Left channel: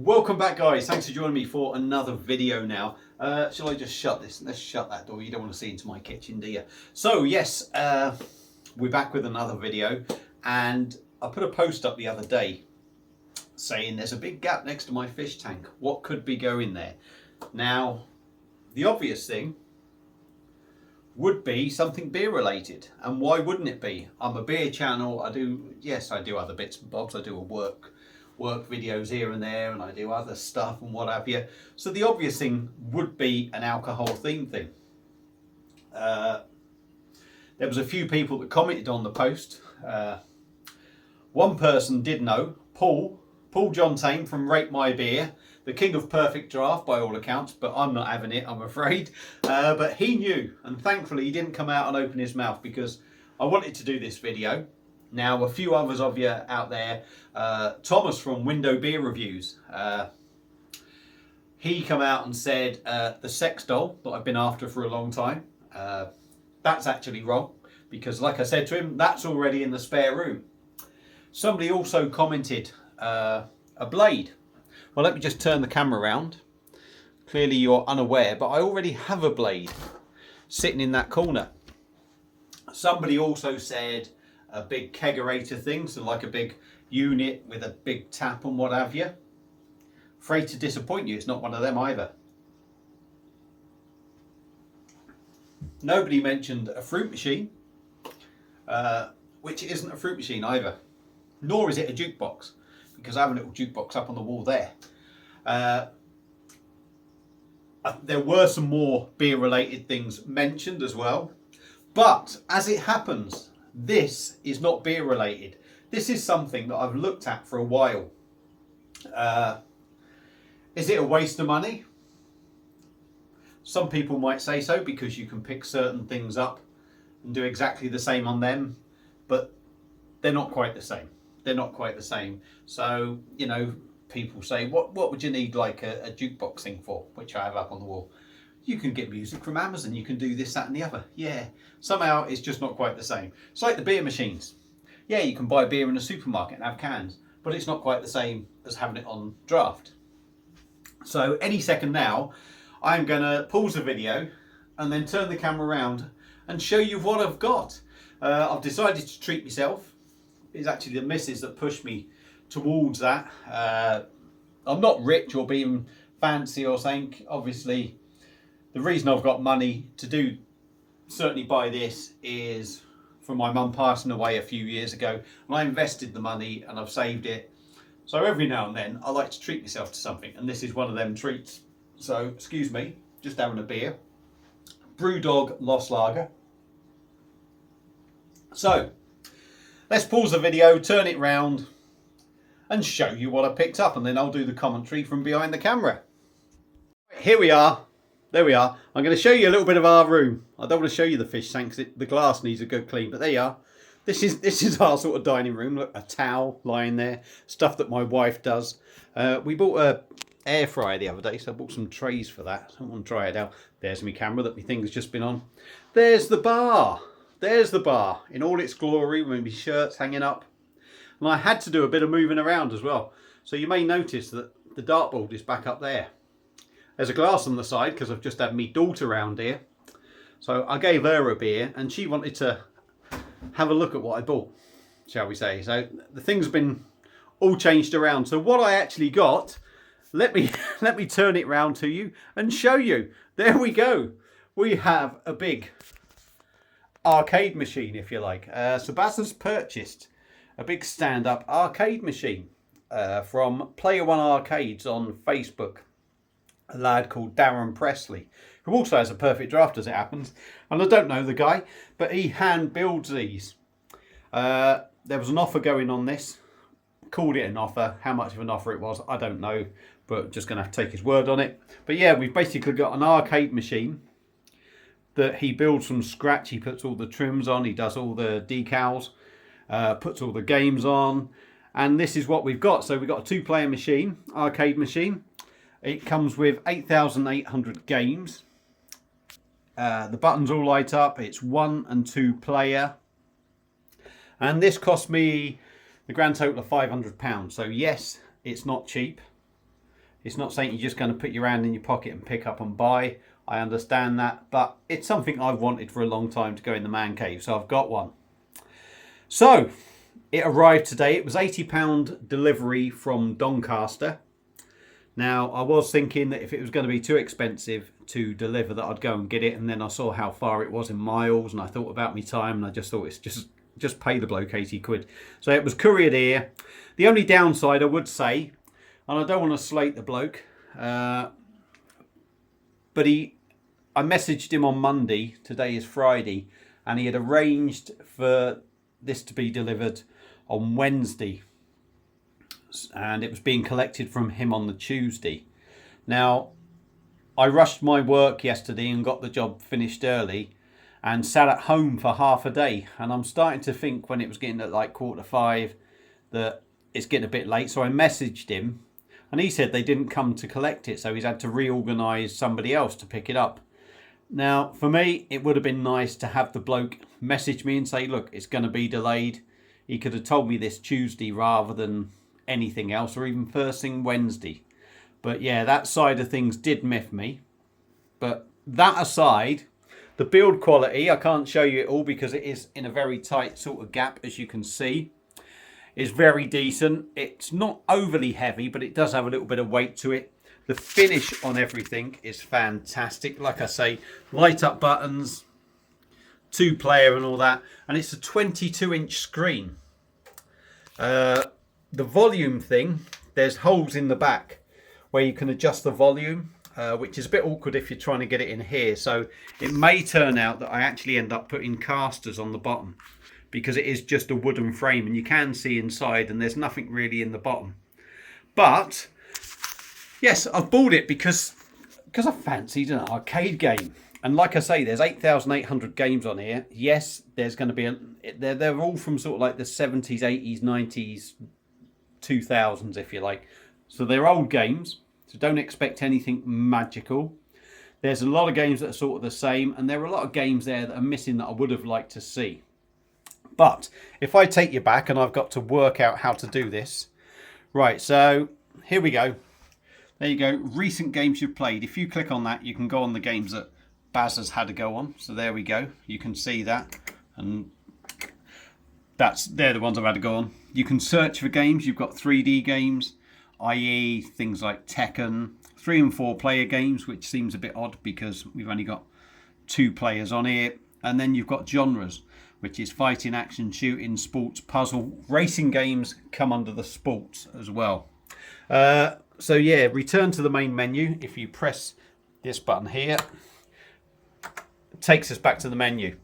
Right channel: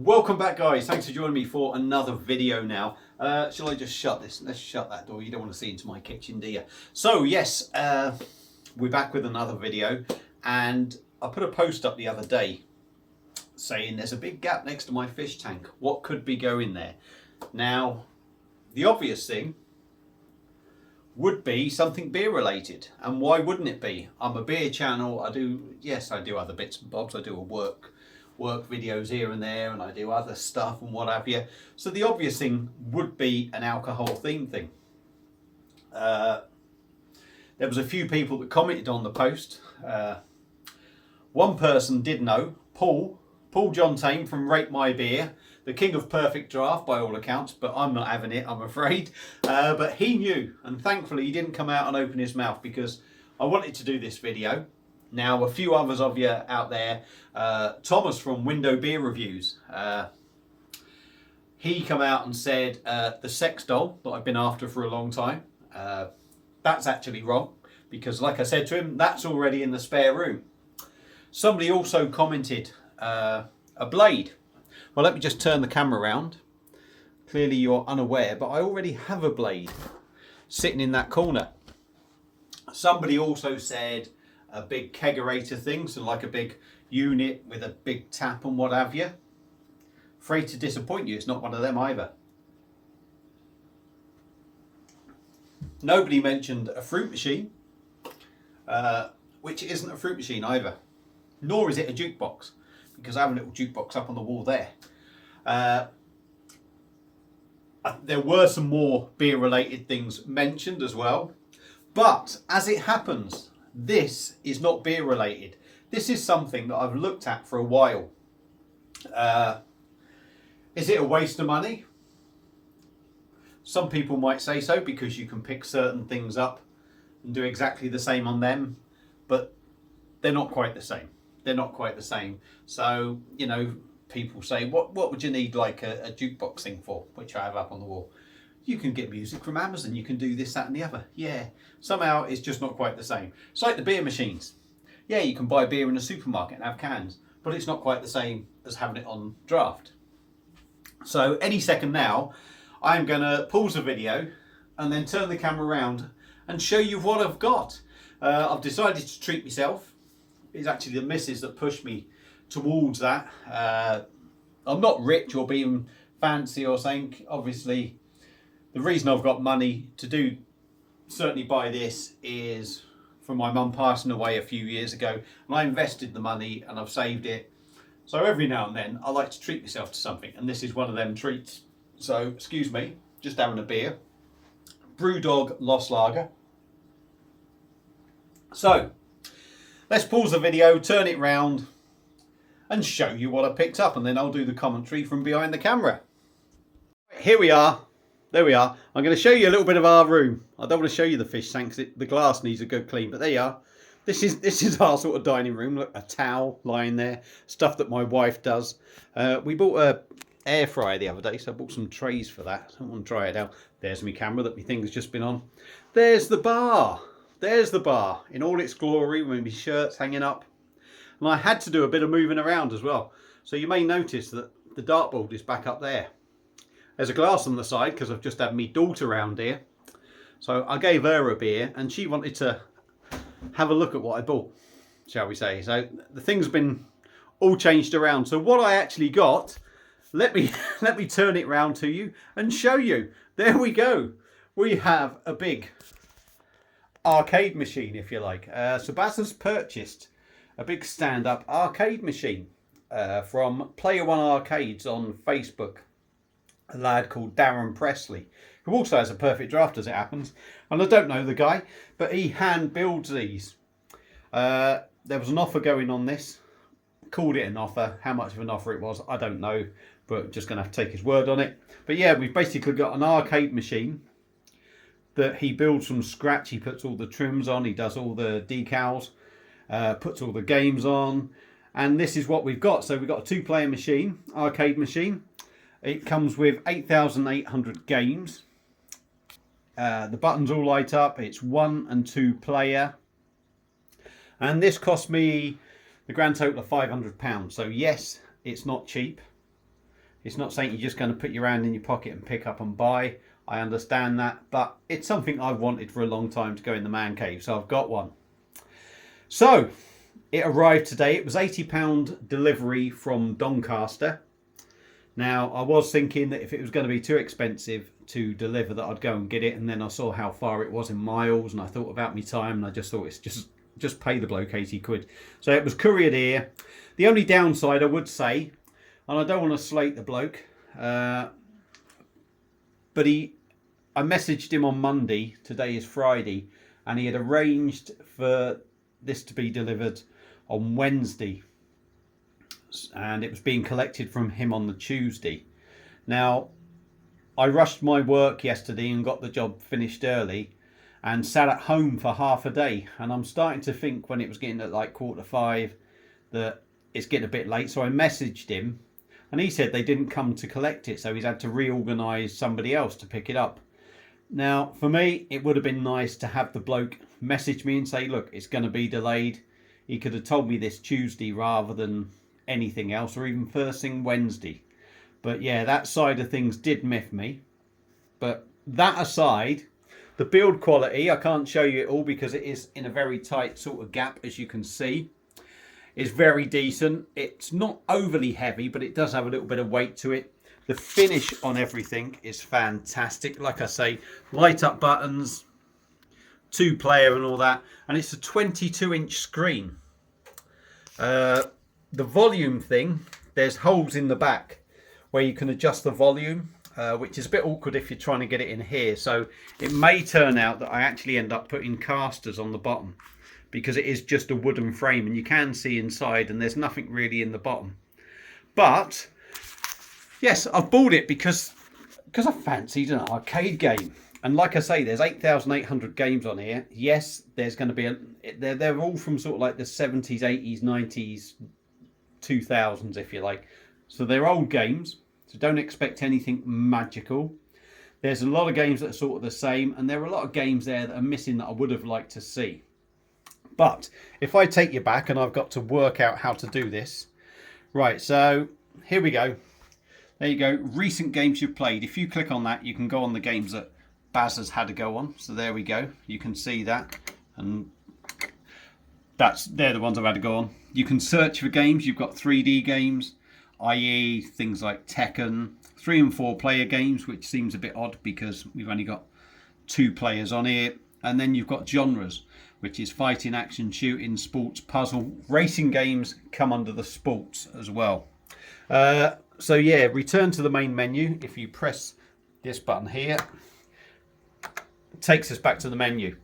Welcome back, guys. Thanks for joining me for another video now. Shall I just shut this? Let's shut that door. You don't want to see into my kitchen, do you? So yes, we're back with another video, and I put a post up the other day saying there's a big gap next to my fish tank. What could be going there? Now, the obvious thing would be something beer related, and why wouldn't it be? I'm a beer channel. I do other bits and bobs. I do a work videos here and there, and I do other stuff and what have you. So the obvious thing would be an alcohol theme thing. There was a few people that commented on the post. One person did know, Paul John Tame from Rate My Beer, the king of perfect draft by all accounts, but I'm not having it, I'm afraid. But he knew, and thankfully he didn't come out and open his mouth, because I wanted to do this video. Now, a few others of you out there, Thomas from Window Beer Reviews, he come out and said the sex doll that I've been after for a long time, that's actually wrong, because like I said to him, that's already in the spare room. Somebody also commented a blade. Well, let me just turn the camera around. Clearly you're unaware, but I already have a blade sitting in that corner. Somebody also said a big kegerator thing, so like a big unit with a big tap and what have you. Afraid to disappoint you, it's not one of them either. Nobody mentioned a fruit machine, which isn't a fruit machine either, nor is it a jukebox, because I have a little jukebox up on the wall there. There were some more beer related things mentioned as well, but as it happens, this is not beer related. This is something that I've looked at for a while. Is it a waste of money? Some people might say so, because you can pick certain things up and do exactly the same on them, but they're not quite the same. They're not quite the same. So, you know, people say, what would you need like a jukebox thing for, which I have up on the wall? You can get music from Amazon, you can do this, that and the other. Yeah, somehow it's just not quite the same. It's like the beer machines. Yeah, you can buy beer in a supermarket and have cans, but it's not quite the same as having it on draft. So any second now, I'm gonna pause the video and then turn the camera around and show you what I've got. I've decided to treat myself. It's actually the missus that pushed me towards that. I'm not rich or being fancy or something. Obviously, the reason I've got money to certainly buy this is from my mum passing away a few years ago, and I invested the money and I've saved it. So every now and then I like to treat myself to something, and this is one of them treats. So excuse me, just having a beer. Brewdog Lost Lager. So let's pause the video, turn it round and show you what I picked up, and then I'll do the commentary from behind the camera. Here we are. There we are. I'm going to show you a little bit of our room. I don't want to show you the fish tank because the glass needs a good clean, but there you are. This is our sort of dining room. Look, a towel lying there, stuff that my wife does. We bought a air fryer the other day, so I bought some trays for that. I want to try it out. There's my camera that my thing's just been on. There's the bar. There's the bar in all its glory with my shirts hanging up. And I had to do a bit of moving around as well. So you may notice that the dartboard is back up there. There's a glass on the side because I've just had my daughter around here. So I gave her a beer and she wanted to have a look at what I bought, shall we say. So the thing's been all changed around. So what I actually got, let me turn it round to you and show you. There we go. We have a big arcade machine, if you like. So Baz has purchased a big stand-up arcade machine from Player One Arcades on Facebook. A lad called Darren Presley, who also has a perfect draft as it happens. And I don't know the guy, but he hand builds these. There was an offer going on this. Called it an offer. How much of an offer it was, I don't know, but just going to have to take his word on it. But yeah, we've basically got an arcade machine that he builds from scratch. He puts all the trims on, he does all the decals, puts all the games on, and this is what we've got. So we've got a 2-player machine, arcade machine. It comes with 8,800 games. The buttons all light up. It's 1 and 2 player. And this cost me the grand total of £500. So yes, it's not cheap. It's not something you're just going to put your hand in your pocket and pick up and buy. I understand that, but it's something I've wanted for a long time to go in the man cave, so I've got one. So it arrived today. It was £80 delivery from Doncaster. Now, I was thinking that if it was going to be too expensive to deliver, that I'd go and get it, and then I saw how far it was in miles, and I thought about my time, and I just thought it's just pay the bloke 80 quid. So it was couriered here. The only downside I would say, and I don't want to slate the bloke, but I messaged him on Monday, today is Friday, and he had arranged for this to be delivered on Wednesday, and it was being collected from him on the Tuesday. Now, I rushed my work yesterday and got the job finished early and sat at home for half a day, and I'm starting to think, when it was getting at like 4:45, that it's getting a bit late. So I messaged him, and he said they didn't come to collect it, so he's had to reorganise somebody else to pick it up. Now, for me, it would have been nice to have the bloke message me and say, look, it's going to be delayed. He could have told me this Tuesday rather than anything else, or even first thing Wednesday. But yeah, that side of things did miff me. But that aside, the build quality, I can't show you it all because it is in a very tight sort of gap, as you can see, is very decent. It's not overly heavy, but it does have a little bit of weight to it. The finish on everything is fantastic. Like I say, light up buttons, 2-player and all that. And it's a 22-inch screen. The volume thing, there's holes in the back where you can adjust the volume, which is a bit awkward if you're trying to get it in here. So it may turn out that I actually end up putting casters on the bottom, because it is just a wooden frame and you can see inside and there's nothing really in the bottom. But yes, I've bought it because I fancied an arcade game. And like I say, there's 8,800 games on here. Yes, there's going to be they're all from sort of like the 70s, 80s, 90s, 2000s, if you like. So they're old games, so don't expect anything magical. There's a lot of games that are sort of the same, and there are a lot of games there that are missing that I would have liked to see. But if I take you back, and I've got to work out how to do this. Right, so here we go. There you go, recent games you've played. If you click on that, you can go on the games that Baz has had to go on. So there we go, you can see that, and they're the ones I've had to go on. You can search for games. You've got 3D games, i.e. things like Tekken, 3 and 4 player games, which seems a bit odd because we've only got 2 players on here. And then you've got genres, which is fighting, action, shooting, sports, puzzle. Racing games come under the sports as well. So yeah, return to the main menu. If you press this button here, it takes us back to the menu.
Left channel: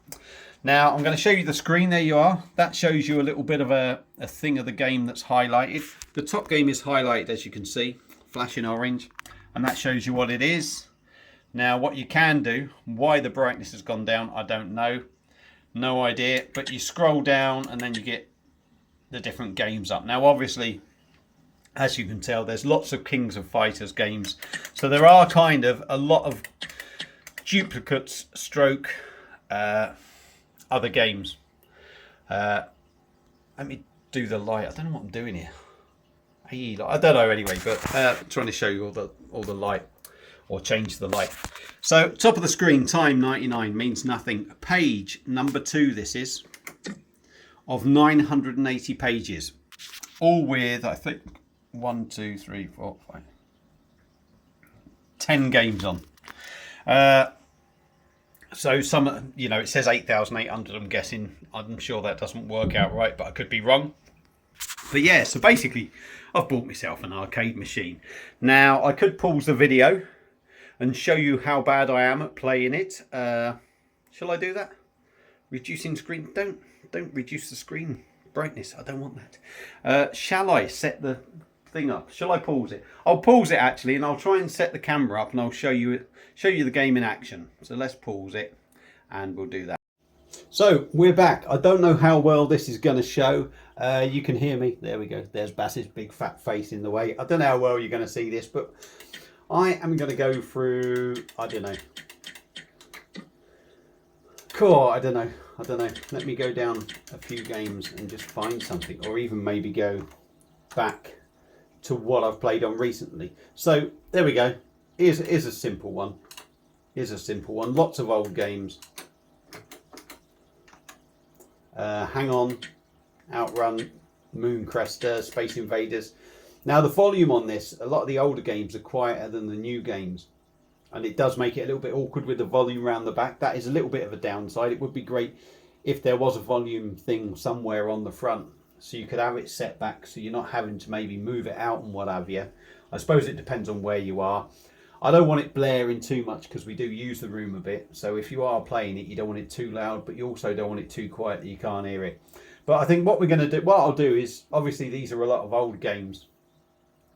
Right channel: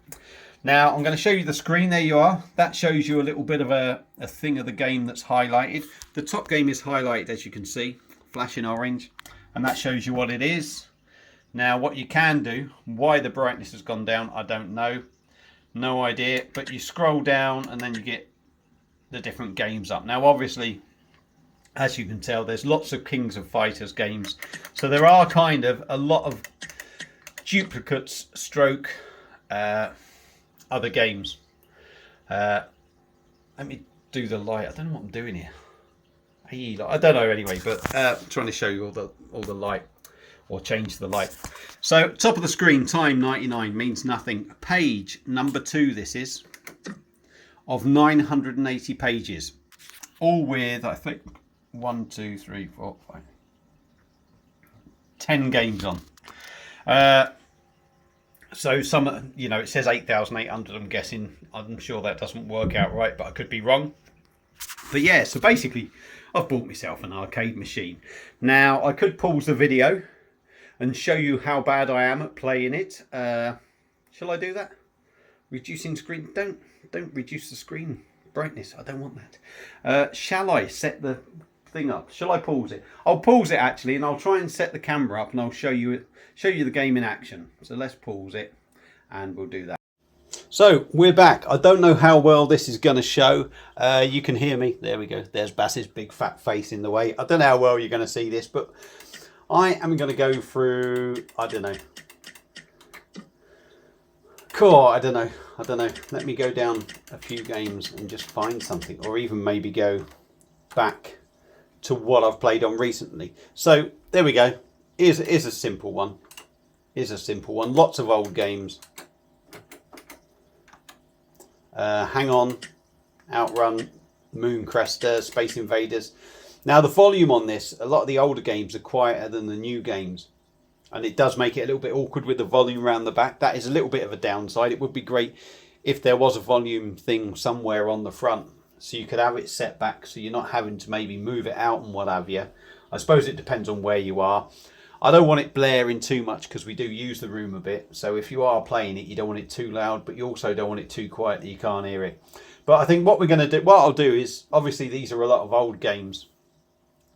Now I'm going to show you the screen. There you are. That shows you a little bit of a thing of the game that's highlighted. The top game is highlighted, as you can see, flashing orange, and that shows you what it is. Now what you can do, why the brightness has gone down, I don't know. No idea, but you scroll down and then you get the different games up. Now obviously, as you can tell, there's lots of Kings of Fighters games. So there are kind of a lot of duplicates stroke other games. Let me do the light. I don't know what I'm doing here. I don't know anyway, but trying to show you all the light, or change the light. So top of the screen, time 99 means nothing. Page number 2, this is, of 980 pages, all with, I think, 1, 2, 3, 4, 5, 10 games on. So some, you know, it says 8,800. I'm guessing. I'm sure that doesn't work out right, but I could be wrong. But yeah, so basically, I've bought myself an arcade machine. Now I could pause the video and show you how bad I am at playing it. Shall I do that? Reducing screen. Don't reduce the screen brightness. I don't want that. Shall I set the thing up? Shall I pause it? I'll pause it actually, and I'll try and set the camera up, and I'll show you the game in action. So let's pause it, and we'll do that. So we're back. I don't know how well this is going to show. You can hear me. There we go. There's Bass's big fat face in the way. I don't know how well you're going to see this, but I am going to go through, I don't know. Cool, I don't know. Let me go down a few games and just find something, or even maybe go back to what I've played on recently. So there we go. Here's a simple one. Here's a simple one. Lots of old games. Hang On, Outrun, Mooncrester, Space Invaders. Now the volume on this, a lot of the older games are quieter than the new games, and it does make it a little bit awkward with the volume around the back. That is a little bit of a downside. It would be great if there was a volume thing somewhere on the front, so you could have it set back so you're not having to maybe move it out and what have you. I suppose it depends on where you are. I don't want it blaring too much because we do use the room a bit. So if you are playing it, you don't want it too loud, but you also don't want it too quiet that you can't hear it. But I think what we're going to do, what I'll do is, obviously these are a lot of old games.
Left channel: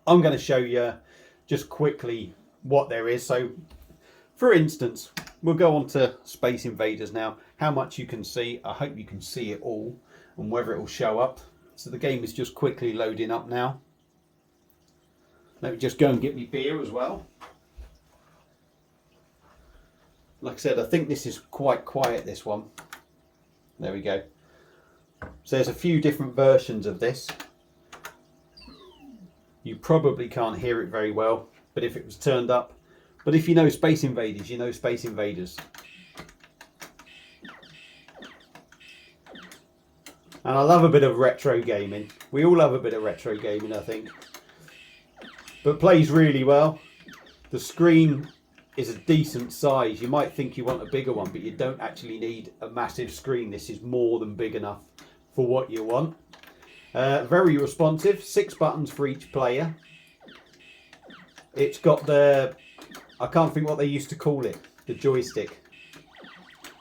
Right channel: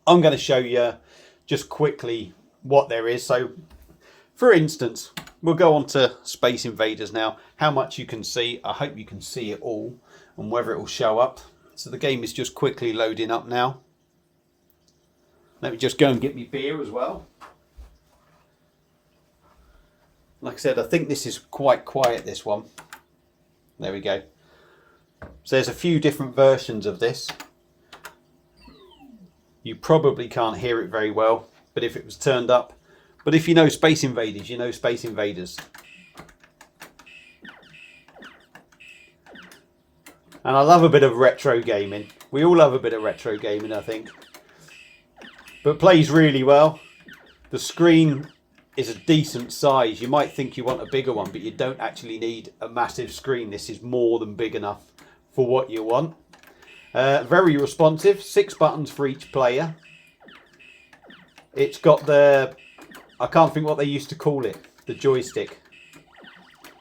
I'm going to show you just quickly what there is. So for instance, we'll go on to Space Invaders now. How much you can see, I hope you can see it all and whether it will show up. So the game is just quickly loading up now. Let me just go and get me beer as well. Like I said, I think this is quite quiet, this one. There we go. So there's a few different versions of this. You probably can't hear it very well, but if it was turned up. But if you know Space Invaders, you know Space Invaders. And I love a bit of retro gaming. We all love a bit of retro gaming, I think. But plays really well. The screen is a decent size. You might think you want a bigger one, but you don't actually need a massive screen. This is more than big enough for what you want. Very responsive, 6 buttons for each player. It's got the, I can't think what they used to call it, the joystick.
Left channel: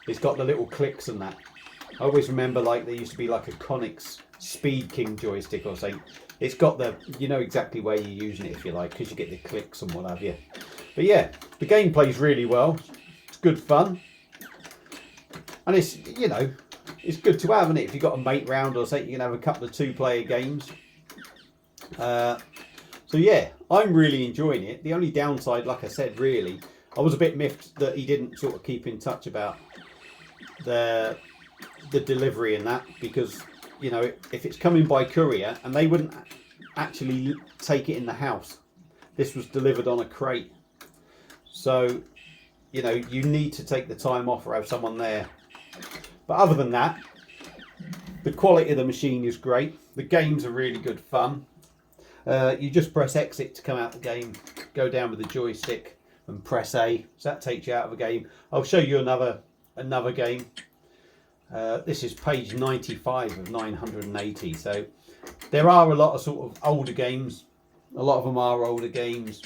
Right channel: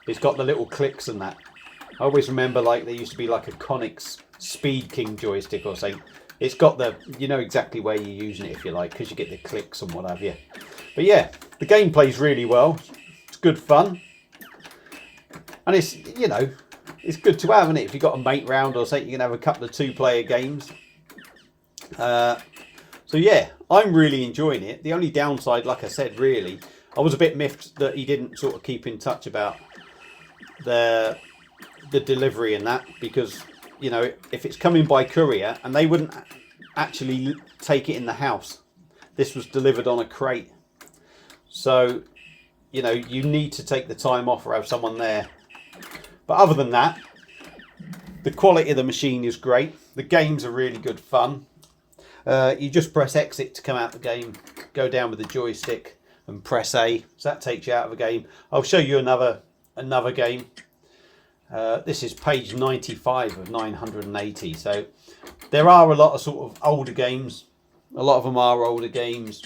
It's got the little clicks and that. I always remember like there used to be like a Conix Speed King joystick or something. It's got the, you know exactly where you're using it if you like, because you get the clicks and what have you. But yeah, the game plays really well. It's good fun. And it's, you know, it's good to have, isn't it? If you've got a mate round or something, you can have a couple of 2-player games. So yeah, I'm really enjoying it. The only downside, like I said, really, I was a bit miffed that he didn't sort of keep in touch about the delivery and that, because, you know, if it's coming by courier and they wouldn't actually take it in the house. This was delivered on a crate. So, you know, you need to take the time off or have someone there. But other than that, the quality of the machine is great. The games are really good fun. You just press exit to come out the game, go down with the joystick and press A. So that takes you out of the game. I'll show you another game. This is page 95 of 980. So there are a lot of sort of older games. A lot of them are older games.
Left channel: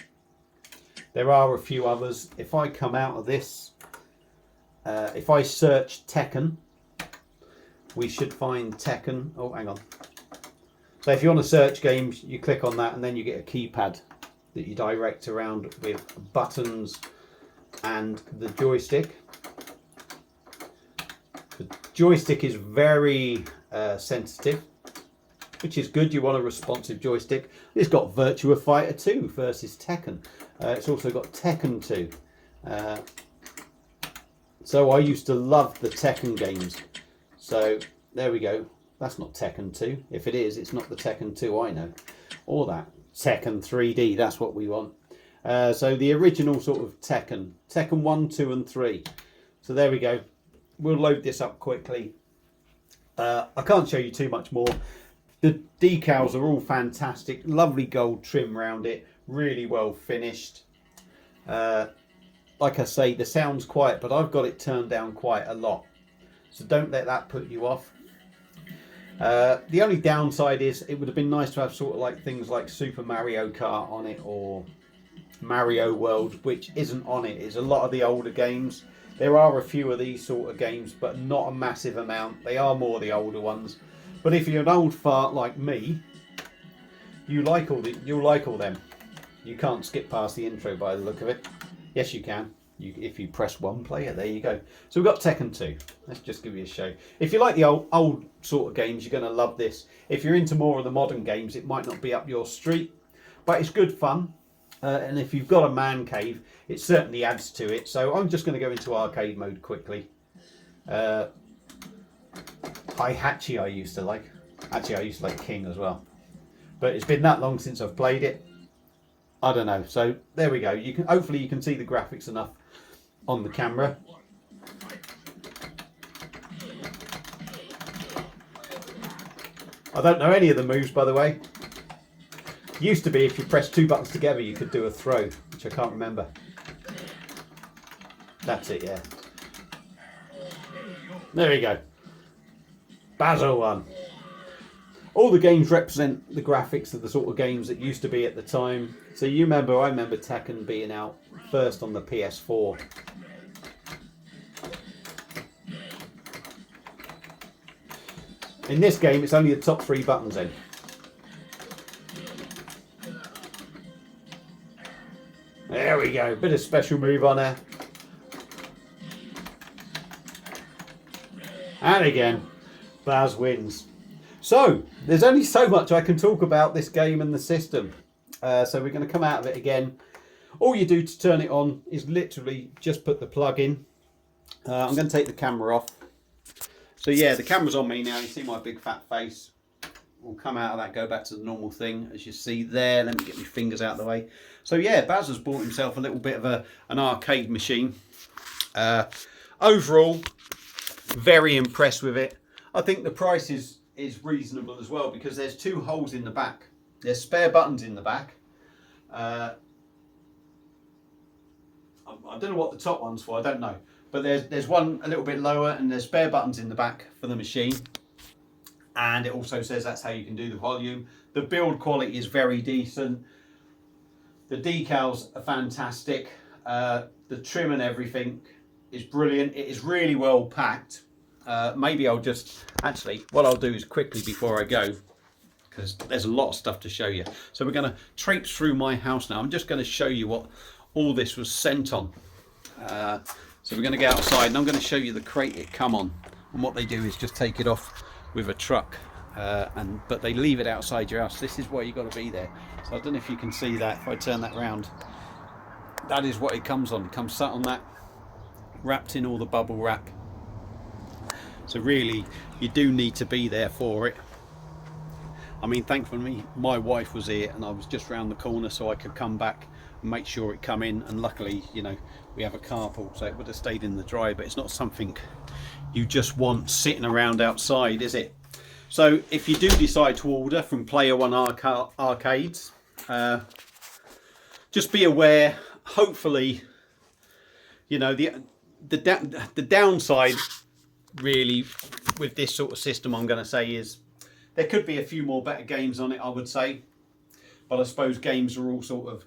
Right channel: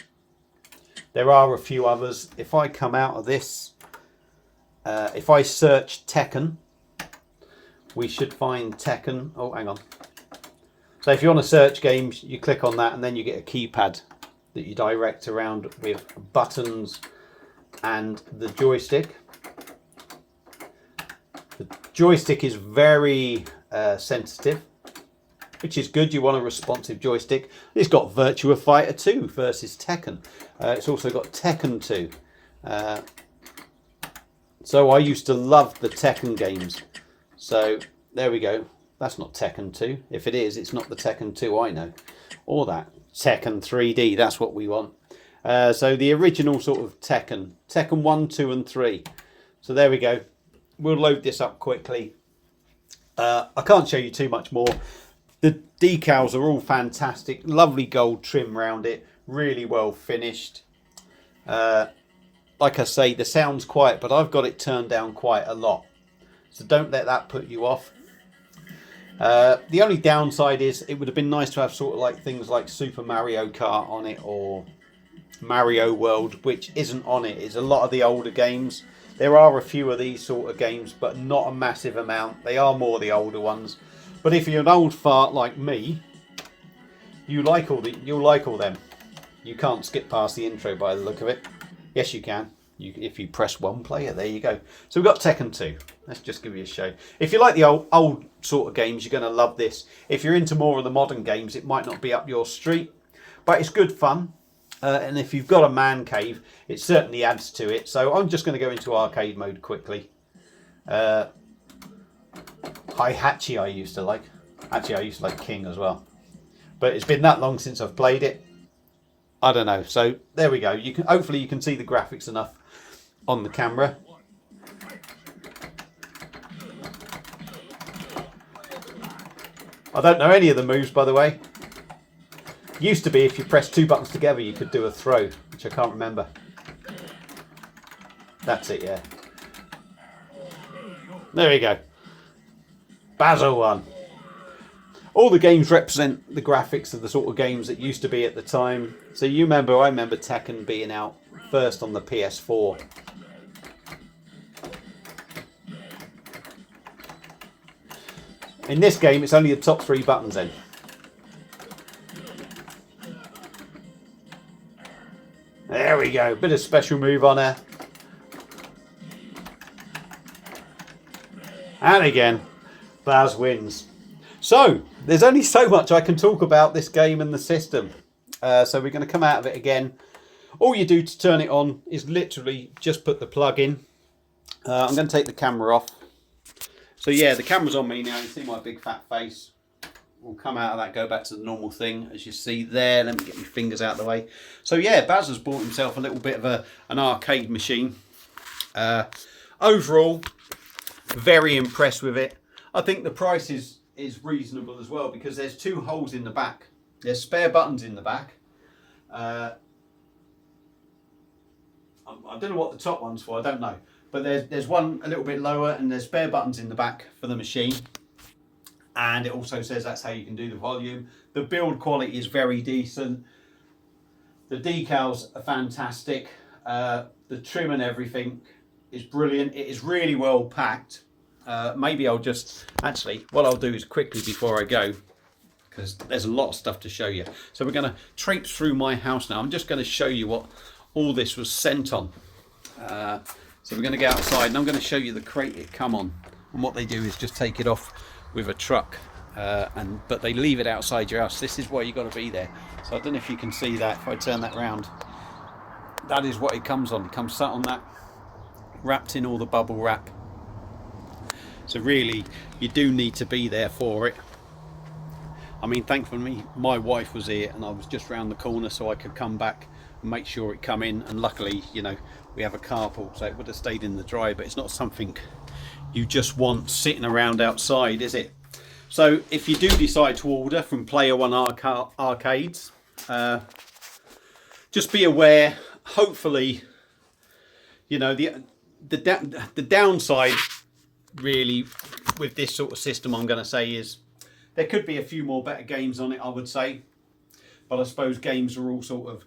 There are a few others. If I come out of this, if I search Tekken, we should find Tekken. Oh, hang on. So if you want to search games, you click on that and then you get a keypad that you direct around with buttons and the joystick. The joystick is very sensitive, which is good. You want a responsive joystick. It's got Virtua Fighter 2 versus Tekken. It's also got Tekken 2. So I used to love the Tekken games. So there we go. That's not Tekken 2. If it is, it's not the Tekken 2 I know. Or that. Tekken 3D, that's what we want. So the original sort of Tekken. Tekken 1, 2 and 3. So there we go. We'll load this up quickly. I can't show you too much more. The decals are all fantastic. Lovely gold trim around it. Really well finished. Like I say, the sound's quiet, but I've got it turned down quite a lot. So don't let that put you off. The only downside is it would have been nice to have sort of like things like Super Mario Kart on it or Mario World, which isn't on it. It's a lot of the older games. There are a few of these sort of games, but not a massive amount. They are more the older ones. But if you're an old fart like me, you'll like all them. You can't skip past the intro by the look of it. Yes, you can. If you press one player, there you go. So we've got Tekken 2. Let's just give you a show. If you like the old sort of games, you're going to love this. If you're into more of the modern games, it might not be up your street, but it's good fun. And if you've got a man cave, it certainly adds to it. So I'm just going to go into arcade mode quickly. Hihachi I used to like. Actually, I used to like King as well. but it's been that long since I've played it. I don't know. So there we go. You can hopefully you can see the graphics enough on the camera. I don't know any of the moves, by the way. Used to be if you press 2 buttons together you could do a throw, which I can't remember. That's it, yeah. There you go. Basil won. All the games represent the graphics of the sort of games that used to be at the time. So I remember Tekken being out first on the PS4. In this game, it's only the top 3 buttons then. There we go. Bit of special move on her. And again, Baz wins. So, there's only so much I can talk about this game and the system. So we're going to come out of it again. All you do to turn it on is literally just put the plug in. I'm going to take the camera off. So yeah, the camera's on me now. You see my big fat face. We'll come out of that, go back to the normal thing, as you see there. Let me get my fingers out of the way. So yeah, Baz has bought himself a little bit of an arcade machine. Overall, very impressed with it. I think the price is reasonable as well, because there's 2 holes in the back. There's spare buttons in the back. I don't know what the top one's for, I don't know. But there's one a little bit lower, and there's spare buttons in the back for the machine. And it also says that's how you can do the volume. The build quality is very decent. The decals are fantastic. The trim and everything is brilliant. It is really well packed. Maybe I'll just, actually, what I'll do is quickly before I go, because there's a lot of stuff to show you. So we're going to traipse through my house now. I'm just going to show you what all this was sent on. So we're going to get outside and I'm going to show you the crate it come on. And what they do is just take it off with a truck, but they leave it outside your house. This is why you got to be there. So I don't know if you can see that. If I turn that round, that is what it comes on. It comes sat on that, wrapped in all the bubble wrap. So really, you do need to be there for it. I mean, thankfully my wife was here and I was just round the corner, so I could come back and make sure it come in. And luckily, you know, we have a carpool, so it would have stayed in the dry. But it's not something you just want sitting around outside, is it? So if you do decide to order from Player One Arcades, just be aware. Hopefully, you know, the downside really with this sort of system, I'm going to say, is there could be a few more better games on it, I would say. But I suppose games are all sort of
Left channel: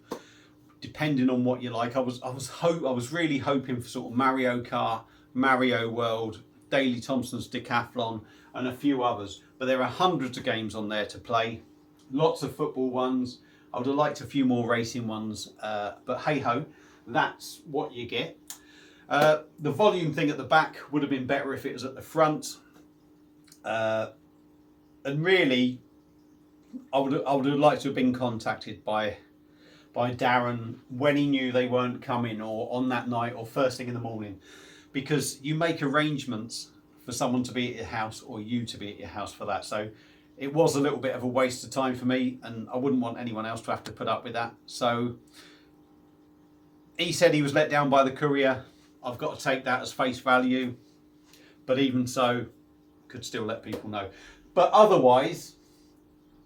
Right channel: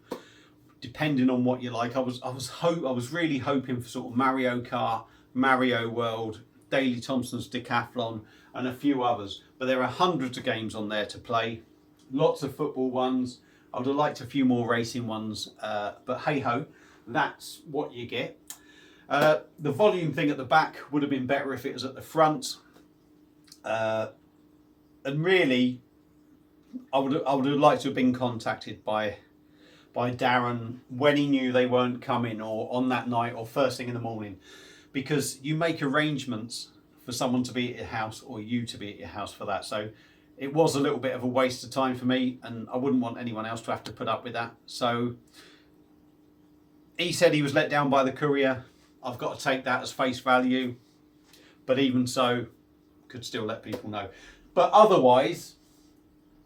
depending on what you like. I was really hoping for sort of Mario Kart, Mario World, Daley Thompson's Decathlon, and a few others. But there are hundreds of games on there to play. Lots of football ones. I would have liked a few more racing ones. But hey ho, that's what you get. The volume thing at the back would have been better if it was at the front. And really, I would have liked to have been contacted by Darren when he knew they weren't coming, or on that night, or first thing in the morning, because you make arrangements for someone to be at your house or you to be at your house for that. So it was a little bit of a waste of time for me, and I wouldn't want anyone else to have to put up with that. So he said he was let down by the courier. I've got to take that as face value, but even so, could still let people know. But otherwise,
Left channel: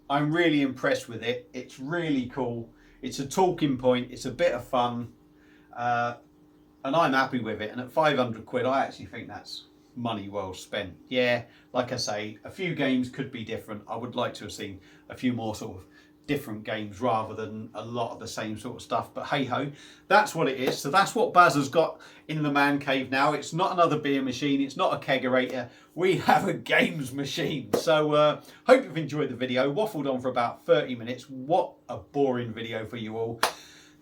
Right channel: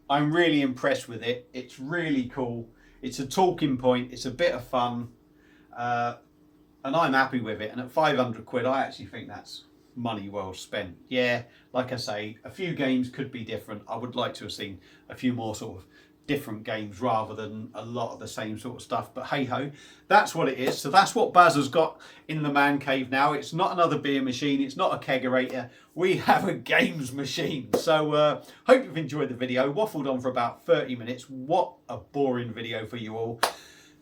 I'm really impressed with it. It's really cool. It's a talking point. It's a bit of fun. And I'm happy with it. And at 500 quid, I actually think that's money well spent. Yeah, like I say, a few games could be different. I would like to have seen a few more sort of different games rather than a lot of the same sort of stuff. But hey ho, that's what it is. So that's what Baz has got in the man cave now. It's not another beer machine. It's not a kegerator. We have a games machine. So hope you've enjoyed the video. Waffled on for about 30 minutes. What a boring video for you all.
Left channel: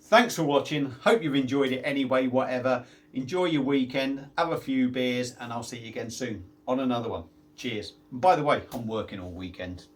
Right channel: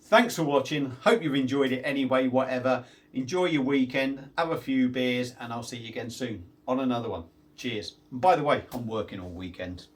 Thanks for watching. Hope you've enjoyed it anyway, whatever. Enjoy your weekend. Have a few beers, and I'll see you again soon on another one. Cheers. And by the way, I'm working all weekend.